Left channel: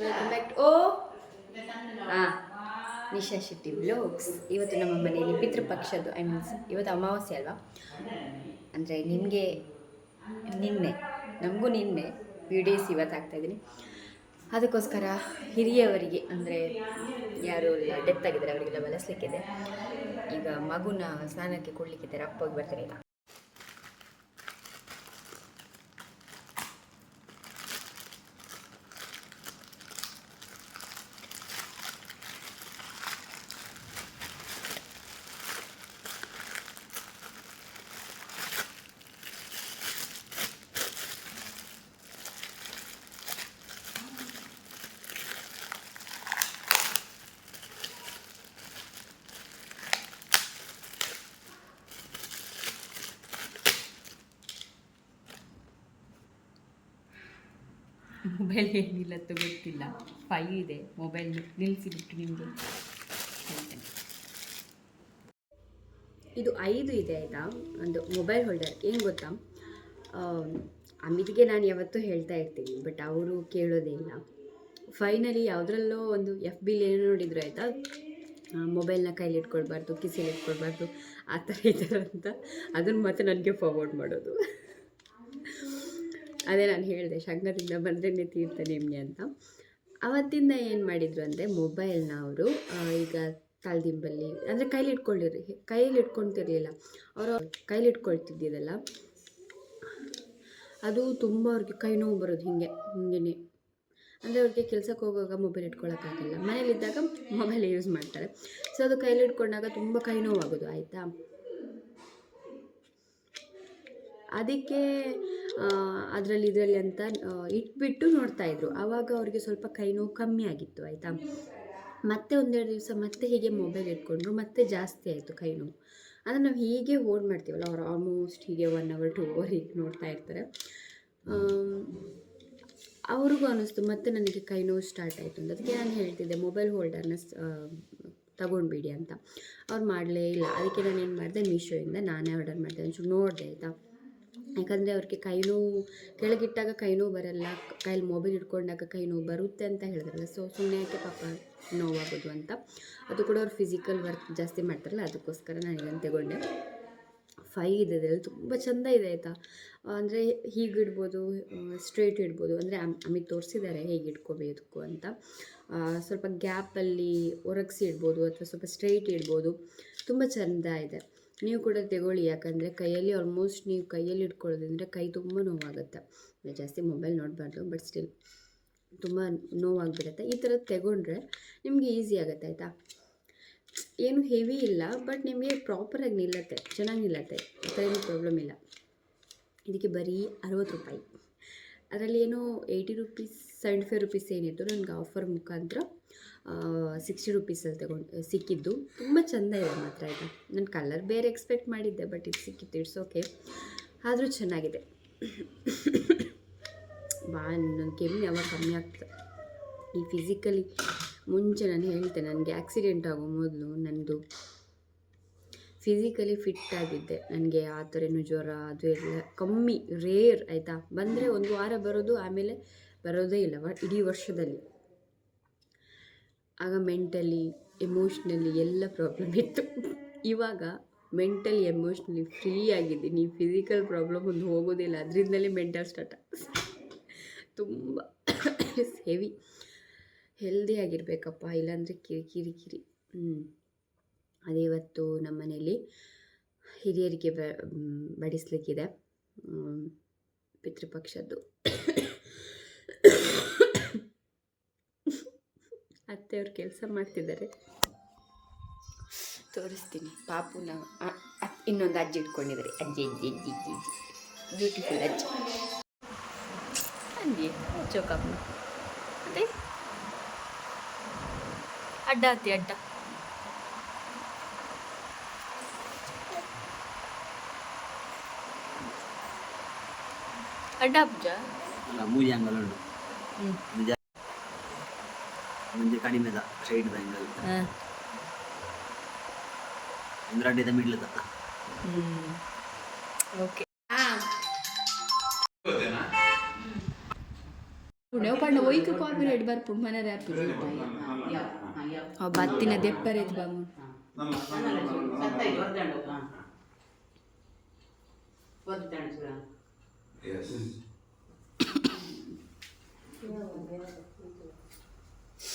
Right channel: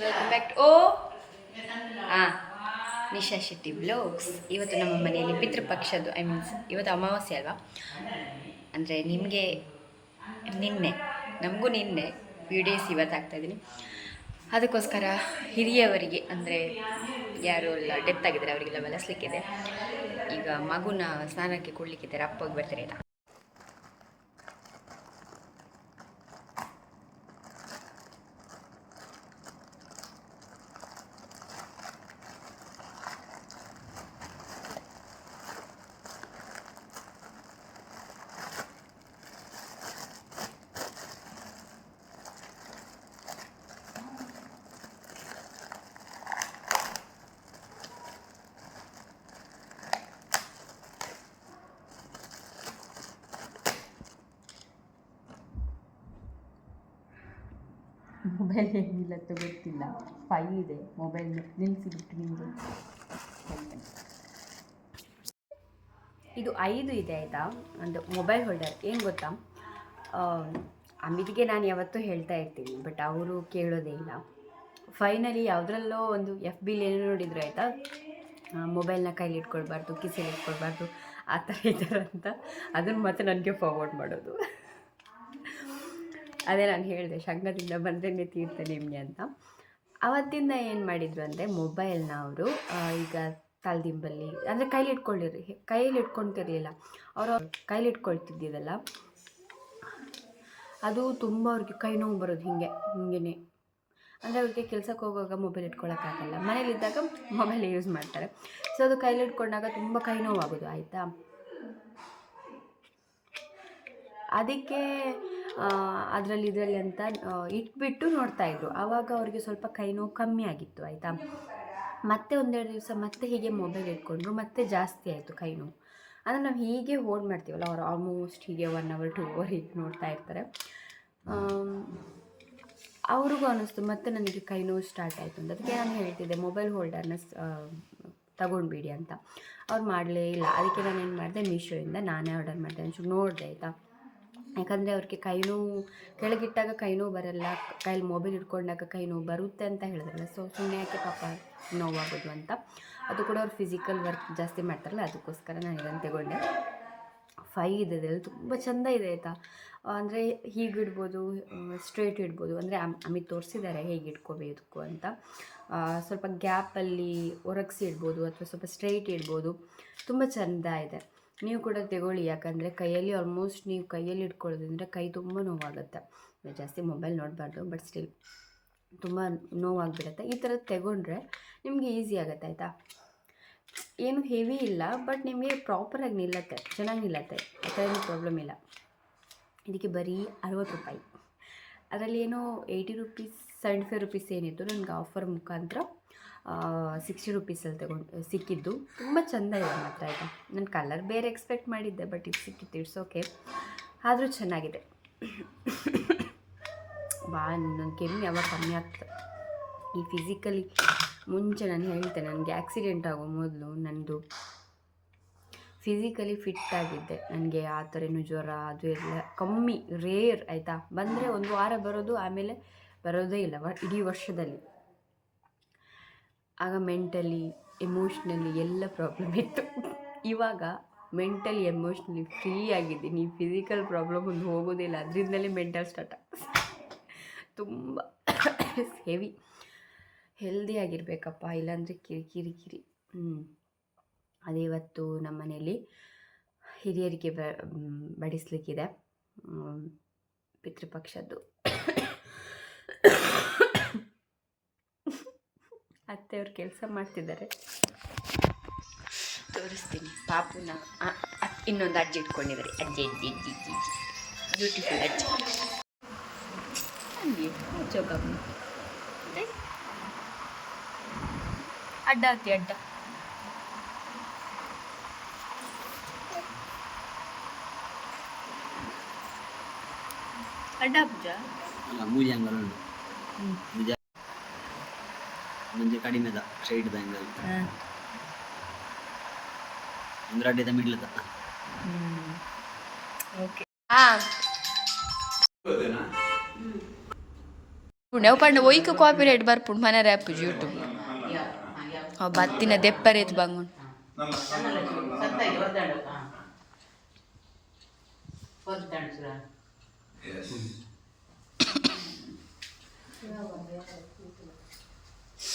Welcome back ಓ ಹಾಂ ನಿಶಾ ಶೆಟ್ಟಿ ಬ್ಲೋಗ್ಸ್ ಇವತ್ತು ನಮ್ಮ ಮನೆಯಲ್ಲಿ ಪಿತೃಪಕ್ಷದ್ದು ಐ ಮೀನ್ಸ್ ಇವತ್ತು ಅಮಾವಾಸ್ಯೆ ಅಲ್ವಾ? ಅಂದರೆ ನಿಮಗೆ ನಿನ್ನೆ, ನಮಗೂ ನಿನ್ನೆ ವಿಡಿಯೋಸ್ ಇವತ್ತು ಆಗ್ತಾಯಿದ್ದೀನಿ ಅದಕ್ಕೋಸ್ಕರ ಹಿರಿಯವರಿಗೆ, ಅಂದರೆ ಯಾರು ಎಲ್ಲ ಡೆತ್ ಆಗಿದ್ದಾರೆ, ಅವರಿಗೆಲ್ಲ ಬಳಸಲಿಕ್ಕಿದೆ. ಈಗ ಮಗುನ ಸ್ನಾನಕ್ಕೆ ಕೊಡಲಿಕ್ಕಿದ್ದಾರೆ, ಅಪ್ಪಗೆ ಬರ್ತಾರೆ ಆಯ್ತಾ ಮೊಬೈಲ್ ಏನಿಲ್ಲತ್ತು ಗೊತ್ತಿಲ್ಲ. ಫೈ ಇದೆ ಮೊಬೈಲ್ ನಿಲ್ಲಿಸಿಬಿಟ್ಟು ನಿಮಗೆ ಹೇಳ್ತೇನೆ. ಇದು ಐದು ಇದೆ ಆಯಿತಾ? ಒಂದು ಮೊಬೈಲ್ ಹೋಲ್ಡರ್ ಏನು ಗೊತ್ತಾ? ಅಮಿತ್ಗೆ ನಾನು ಯಾವತ್ತೂ ಹೇಳ್ತಾ ಇರ್ತೀನಿ ಬಟ್ ಅವರು ಕೇಳೋದೇ ಇಲ್ಲ. ಫೈನಲಿ ಯಾವುದ್ರಲ್ಲೋ ಒಂದು ಎಫ್ ಬಿಲ್ ಏನೋ ನೋಡಿದ್ರು ಆಯಿತಾ? ಮೊಬೈಲ್ನ ಕೈಲಿ ಇಟ್ಕೊಳ್ಬಾರ್ದು, ಕಿಸೆಲಿ ಇಟ್ಕೊಳ್ಬಾರ್ದು, ಆ ಥರ ಈ ಅಂತ. ಅದನ್ನು ಮತ್ತೆ ನನಗೆ ಫಾರ್ವರ್ಡ್ ಮಾಡೋದು. ಅದೇ ನಾನು ಹೇಳಿದೆ, ಶಗ್ನದಿಂದ ಬಂದ್ರೇ ತೀರ್ಥ ನಿಮಗೆ ಅಂತ. ಅವತ್ತಿಂದ ಏನು ಮಾಡಿದರು ಅಂದರೆ, ಮೊಬೈಲ್ನ ಅವರು ಈಗ ತಲೆದಿಂಬಲ್ಲಿ, ಅಂದರೆ ಕೈಲಿ ಇಟ್ಕೊಂಡಿರಿ ಕೈಯಲ್ಲಿ ಇಟ್ಕೊತಿರ್ಲಿಲ್ಲ ಅವರು ಕೈಲಿ ಇಟ್ಕೊಳ್ತಿದ್ದಿದ್ದಲ್ಲ ಅದು ತುಂಬ ಅವ್ರಿಗೆ ಕೈ ನೋವು ಬರೋದು ಹೀಗೆ ಹಿಂಗೇ ಅಂದರೆ ಅವ್ರಿಗೆ ಕೆಲಸಕ್ಕೆ ಹೋಗುವಾಗ ಮೊಬೈಲ್ ಇಟ್ಕೊಳ್ಳೋಕ್ಕಾಗಲ್ಲ ಮನೇಲಿದ್ದಾಗ ಮೊಬೈಲ್ ಯೂಸ್ ಮಾಡ್ತಾರೆ. ಸೊ ಅದು ಕೈಲಿ ಇಟ್ಕೊಂಡಾಗ ತುಂಬ ಕೈ ನೋವಾಗೋದು, ಆಯಿತಾ? ಅದಕ್ಕೆ ಅದರಲ್ಲಿ ಇದರಲ್ಲಿ ಅಂತ ಇಟ್ಬಿಟ್ಟು ನೋಡ್ತಾಯಿದ್ರು ಆವಾಗ ಅವ್ರಿಗೆ ಸ್ವಲ್ಪ ಕೈ ನೋವು ಕಮ್ಮಿ ಆಗಿತ್ತು, ಆಯಿತಾ? ಮತ್ತೆ ಒಂದೆರಡು ದಿವಸ ಮತ್ತೆ ಹೀಗೆ ಮೊಬೈಲ್ ಇಟ್ಕೊಂಡ್ರು, ಮತ್ತೆ ಜಾಸ್ತಿ ಆಯಿತು ಕೈ ನೋವು. ಅಂದರೆ ನಾವು ಹೀಗೆ ಹೋಲ್ಡ್ ಮಾಡ್ತೀವಲ್ಲ, ಅವ್ರು ಆಲ್ಮೋಸ್ಟ್ ಹೀಗೆ ಒನ್ ಅವರ್ ಟು ಅವರ್ ಹೀಗೆ ನೋಡ್ತಾ ಇರ್ತಾರೆ. ಅವ್ರಿಗೂ ಅನ್ನಿಸ್ತು ಮತ್ತೆ ನನಗೆ ಕೈ ನೋವು ಸ್ಟಾರ್ಟ್ ಆಯಿತು ಅಂತ. ಅದಕ್ಕೆ ನಾನು ಹೇಳ್ತಿದ್ದೆ ಮೊಬೈಲ್ ಹೋಲ್ಡರ್ನ ತಗೊಂಡ್ಬಿಡಿ ಅಂತ. ಅವ್ರು ಮಾಡಲೇ ಇಲ್ಲ. ಅದಕ್ಕೆ ನಾನು ಏನು ಮಾಡಿದೆ ಮೀಶೋಯಿಂದ ನಾನೇ ಆರ್ಡರ್ ಮಾಡಿದೆ. ಒಂಚೂರು ನೋಡಿದೆ, ಆಯಿತಾ? ಯಾಕಂದರೆ ಅವ್ರಿಗೆ ಕೈ ನೋವು, ಕೆಳಗಿಟ್ಟಾಗ ಕೈ ನೋವು ಬರಲ್ಲ, ಕೈಲಿ ಮೊಬೈಲ್ ಹಿಡ್ಕೊಂಡಾಗ ಕೈ ನೋವು ಬರುತ್ತೆ ಅಂತ ಹೇಳಿದ್ರಲ್ಲ. ಸೊ ಸುಮ್ಮನೆ ಯಾಕೆ ಪಾಪ ನೋವಾಗೋದು ಅಂತ. ಅದು ಕೂಡ ಅವ್ರು ಫಿಸಿಕಲ್ ವರ್ಕ್ ಜಾಸ್ತಿ ಮಾಡ್ತಾರಲ್ಲ, ಅದಕ್ಕೋಸ್ಕರ ನಾನು ಇದನ್ನು ತಗೊಂಡೆ. ಫೈ ಇದೆ ಇದರಲ್ಲಿ ತುಂಬ ಚೆಂದ ಇದೆ ಆಯಿತಾ. ಅಂದರೆ ಹೀಗೆ ಇಡ್ಬೋದು ಸ್ಟ್ರೇಟ್ ಇಡ್ಬೋದು. ಅಂದರೆ ಅಮ್, ಅಮಿತ್ ತೋರಿಸಿದ್ದಾರೆ ಹೇಗೆ ಇಟ್ಕೋಬೇಕು ಅಂತ. ಸ್ವಲ್ಪ ಗ್ಯಾಪಲ್ಲಿ ಒರಗಿಸಿ ಇಡ್ಬೋದು, ಅಥವಾ ಸ್ವಲ್ಪ ಸ್ಟ್ರೈಟ್ ಇಡ್ಬೋದು. ತುಂಬ ಚೆಂದ ಇದೆ. ನೀವು ಕೂಡ ತಗೊಳ್ಳಿ. ಯಾಕಂದರೆ ಕೈಯಲ್ಲಿ ಆಲ್ಮೋಸ್ಟ್ ನೀವು ಕೈಯಲ್ಲಿ ಇಟ್ಕೊಳ್ಳೋದ್ರಿಂದ ಕೈ ತುಂಬ ನೋವಾಗುತ್ತೆ. ಜಾಸ್ತಿ ಮೊಬೈಲ್ ನೋಡಬಾರ್ದು ಬಟ್ ಸ್ಟಿಲ್ ತುಂಬ ನೋವಾಗಿಬಿಡುತ್ತೆ. ಈ ಥರದ್ದು ತಗೊಂಡ್ರೆ ನಿಮಗೆ ಈಸಿ ಆಗುತ್ತೆ, ಆಯಿತಾ? ಏನು ಹೆವಿ ಇಲ್ಲ ಬಟ್ ನಿಮಗೆ ಪ್ರಾಪರಾಗಿ ನಿಲ್ಲತ್ತೆ, ಚೆನ್ನಾಗಿ ನಿಲ್ಲತ್ತೆ. ಆ ಥರ ಏನು ಪ್ರಾಬ್ಲಮ್ ಇಲ್ಲ. ಇದಕ್ಕೆ ಬರೀ ಅರವತ್ತು ರೂಪಾಯಿ. ಅದರಲ್ಲಿ ಏನೋ eighty rupees seventy five rupees ಏನಿತ್ತು, ನನಗೆ ಆಫರ್ ಮುಖಾಂತರ. ಸಿಕ್ಸ್ಟಿ ರುಪೀಸಲ್ಲಿ ತಗೊಂಡು ಸಿಕ್ಕಿದ್ದು. ತುಂಬ ಚೆಂದ ಇದೆ ಮಾತ್ರ ಇದು. ನಾನು ಕಲರ್ ಬೇರೆ ಎಕ್ಸ್ಪೆಕ್ಟ್ ಮಾಡಿದ್ದೆ ಬಟ್ ಇದು ಸಿಕ್ಕಿತ್ತು ಇಟ್ಸ್ ಓಕೆ ಆದರೂ ಚೆನ್ನಾಗಿದೆ. ಬಾ ನನ್ನ ಕೆಮ್ಮು ಯಾವಾಗ ಕಮ್ಮಿ ಆಗ್ತದೆ. ಈ ಫಿಸಿಕಲಿ ಮುಂಚೆ ನಾನು ಹೇಳ್ತೆ, ನನಗೆ ಆಕ್ಸಿಡೆಂಟ್ ಆಗೋ ಮೊದಲು ನನ್ನದು ಫಿಸಿಕಲಿ ಫಿಟ್ ಆಗಿದ್ದೆ. ನನಗೆ ಆ ಥರ ಏನು ಜ್ವರ, ಅದು ಎಲ್ಲ ಕಮ್ಮಿ ರೇರ್ ಆಯಿತಾ? ಬಂದರೆ ಒಂದು ವಾರ ಬರೋದು, ಆಮೇಲೆ ಬರೋದೇ ಇಲ್ಲ ಇಡೀ ವರ್ಷದಲ್ಲಿ. ಆಗ ಮೆಂಟಲಿ ಎಮೋಷ್ನಲಿ ಎಲ್ಲ ಪ್ರಾಬ್ಲಮ್ ಇತ್ತು. ಇವಾಗ ಮೆಂಟಲಿ ಎಮೋಷ್ನಲಿ ಫ್ರೀ ಆಗಿದ್ದೀನಿ. ಫಿಸಿಕಲ್ ಪ್ರಾಬ್ಲಮ್ ಒಂದು ಹೋಗೋದಿಲ್ಲ ಅದರಿಂದಲೇ ಮೆಂಟಲ್ ಸ್ಟಾರ್ಟ್ ತುಂಬ ಹೆವಿ ಹೆಲ್ದಿ ಆಗಿರಬೇಕಪ್ಪ. ಇಲ್ಲಾಂದರೆ ಕಿರಿ ಕಿರಿ ಕಿರಿ. ಅದೇ ಇವತ್ತು ನಮ್ಮ ಹಿರಿಯರಿಗೆ ಬಡಿಸ್ಲಿಕ್ಕಿದೆ. ಪಿತೃಪಕ್ಷದ್ದು. ಅತ್ತೆಯವ್ರು ಕೆಲಸ ಮಾಡ್ತಿದ್ದಾರೆ. ತೋರಿಸ್ತೀನಿ. ಪಾಪುನ ಇನ್ನೊಂದು ಅಜ್ಜಿ ಇಟ್ಕೊಂಡಿದ್ದಾರೆ. ಅಜ್ಜಿ ಅಜ್ಜಿ ಅಜ್ಜಿ ಅಜ್ಜಿ ಅಜ್ಜಿ. ಬ್ಯೂಟಿಫುಲ್ ಅಜ್ಜಿ. ಅಲ್ಲಿ ಚೌಕಮ್ಮ ಮತ್ತೆ? ಅಡ್ಡ ಹತ್ತಿ ಅಡ್ಡ. ಅಡ್ಡ ಪೂಜಾ ಪೂಜೆ ಹಂಗಲ್ಲ ಹ್ಞೂ ಉಂಟು ಹ್ಞೂ ಕಡಿಮೆ ಕಡಿಮೆದ ಸ್ಟ್ರೈಟ್ ಬ್ಯಾಂಗಲ್ ಹಾಂ ಒಂದು ಮಿಡ್ಲ್ ತತ್ತ ಓಕೆ ಹಾಂ ನಾವು ಪಂಡ ಒಯ್ಕ ಕಾಪಿ ರೈಟ್ ಬರ್ಪುಂಡು ಮನೆ ರ್ಯಾಪ್ ಯೂಟ್ಯೂಬ್ ಅವ್ ಬತ್ತಿನ ದೆಪ್ಪರೇತ್ ಬಂಗುಂಡು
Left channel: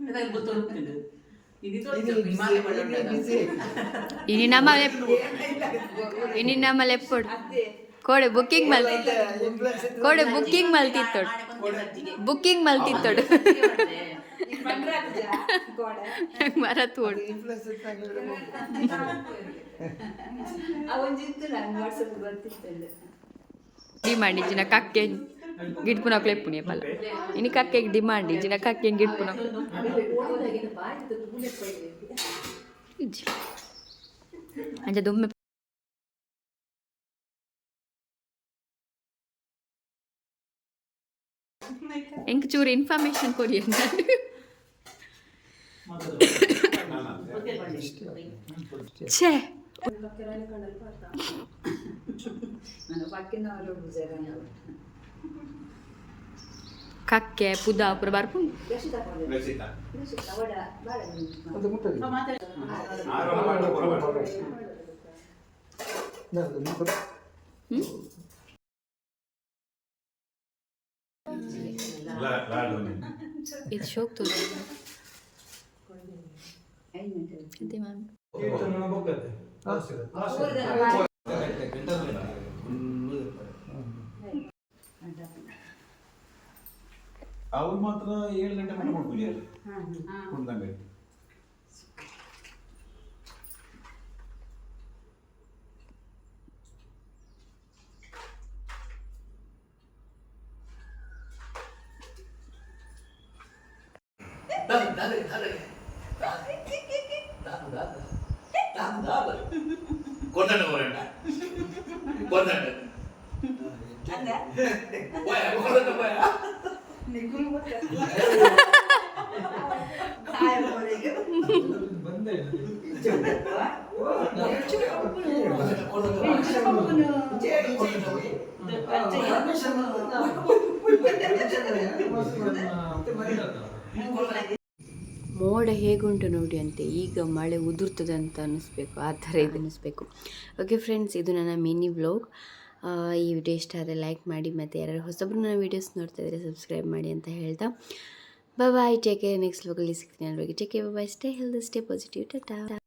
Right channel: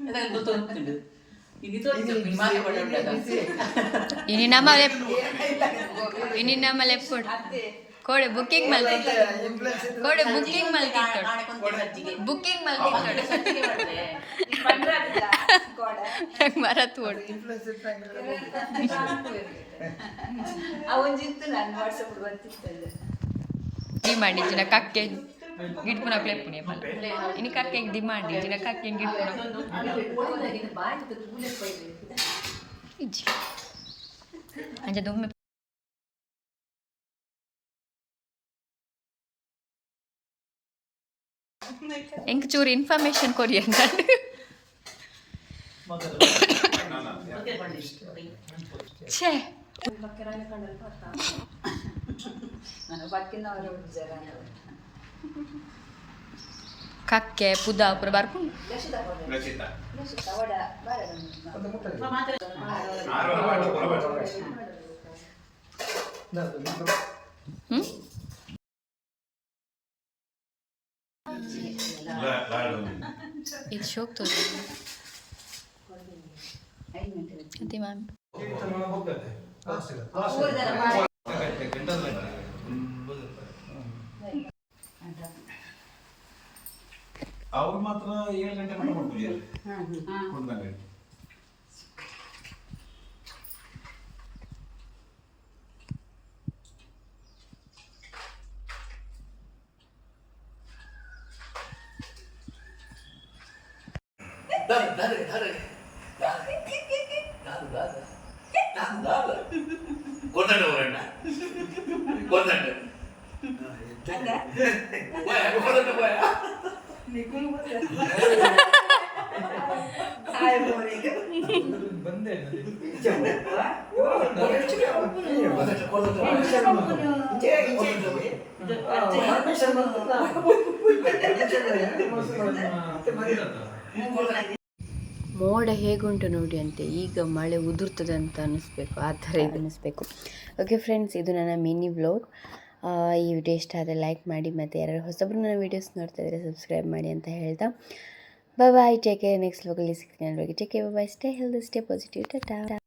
ಗೋಡೆ ಬಿಟ್ಟಾಗ ಇನಿ ನಮ್ಮ ನಮ್ಮ ಲೆಪ್ಪುಡು ಕೋಡೆ. ಬುಕ್ಕಿಂಗ್ ಮಲ್ತಿತ್ತು ಕೋಡೆ ಬುಕ್ಕಿಂಗ್ ಮಲ್ತಿತ್ತೋಡು. ಬುಕ್ಕಿಂಗ್ ಮಲ್ತಿತ್ತೋಡು. ಮರ ತೋಡು ಡಿಮಾಂಡ್ ಇಜ್ಜಿನ ಕಕ್ಕೆ ಗಿಡ್ಪುನ ಪ್ಲೇಟ್ ಪುಣ್ಯ ಪಲ್ಲ ಇನ್ನು ಕಕ್ಕೆ ಡಿಮಾಂಡ್ ಇಜ್ಜಿನ ಕಕ್ಕೆ ಗಿಡ್ಪುನ ಇಜ್ಜಿ ಅಂಚ ದುಮ್ಮೆ ಎಂಕ್ ಚೂರು ಇನ್ಫಾರ್ಮೇಶನ್ ಕೊಡಿ ಅಂತ ಛೇ ಕಕ್ಕೆ ಪುದ ಪುರ ಬರ್ಪುಂಡು ಹ್ಮ್ ಇದು ಶೋಕ್ ತೋರಿ ಅದೇ ಮ್ಯಾಮ್ ಅವ್ರು ಮಾತ್ರ ಏಳು ಗಂಟೆ ಮಟ್ಟ ಮಾಡ್ಕೊಳ್ಳಿ ಕುಡ್ದಂಗೆ ಕೊಡ್ದಂಡ ಬರಣ್ಣ ಕೊಡ್ದಂಡ ಕೊಡ್ದಂಡ போய் ಮೋಡ ಹೇಗುಂಟು ನೋಡಿ ಅಂತೆ ಈಗ ಮಳೆ ಉದುರ್ತದೆ ಅಂತ ಅನ್ನಿಸ್ಬೇಕು ಆ ಥರ ಇದು ಅನ್ನಿಸ್ಬೇಕು. ಓಕೆ ಫ್ರೆಂಡ್ಸ್ ಇದು ನನ್ನ ಮಿನಿ ವ್ಲಾಗ್ ಈ ವಿಡಿಯೋ ಇಷ್ಟ ಆದರೆ ಲೈಕ್ ಮಾಡಿ ಮತ್ತು ಯಾರು ಹೊಸಬ್ರು ನನ್ನ ವೀಡಿಯೋಸ್ ನೋಡ್ತಾ ಇದ್ದರೆ ಸಬ್ಸ್ಕ್ರೈಬ್ ಮಾಡಿ ಅಂತ ಹೇಳ್ತಾ. ಬಾಯ್ ಟೇಕ್ ಕೇರ್ ನೆಕ್ಸ್ಟ್ ವ್ಲಾಗಲ್ಲಿ ಸಿಗ್ತೀನಿ ಅಲ್ವಾಗಿ take care bye stay health stay positive tata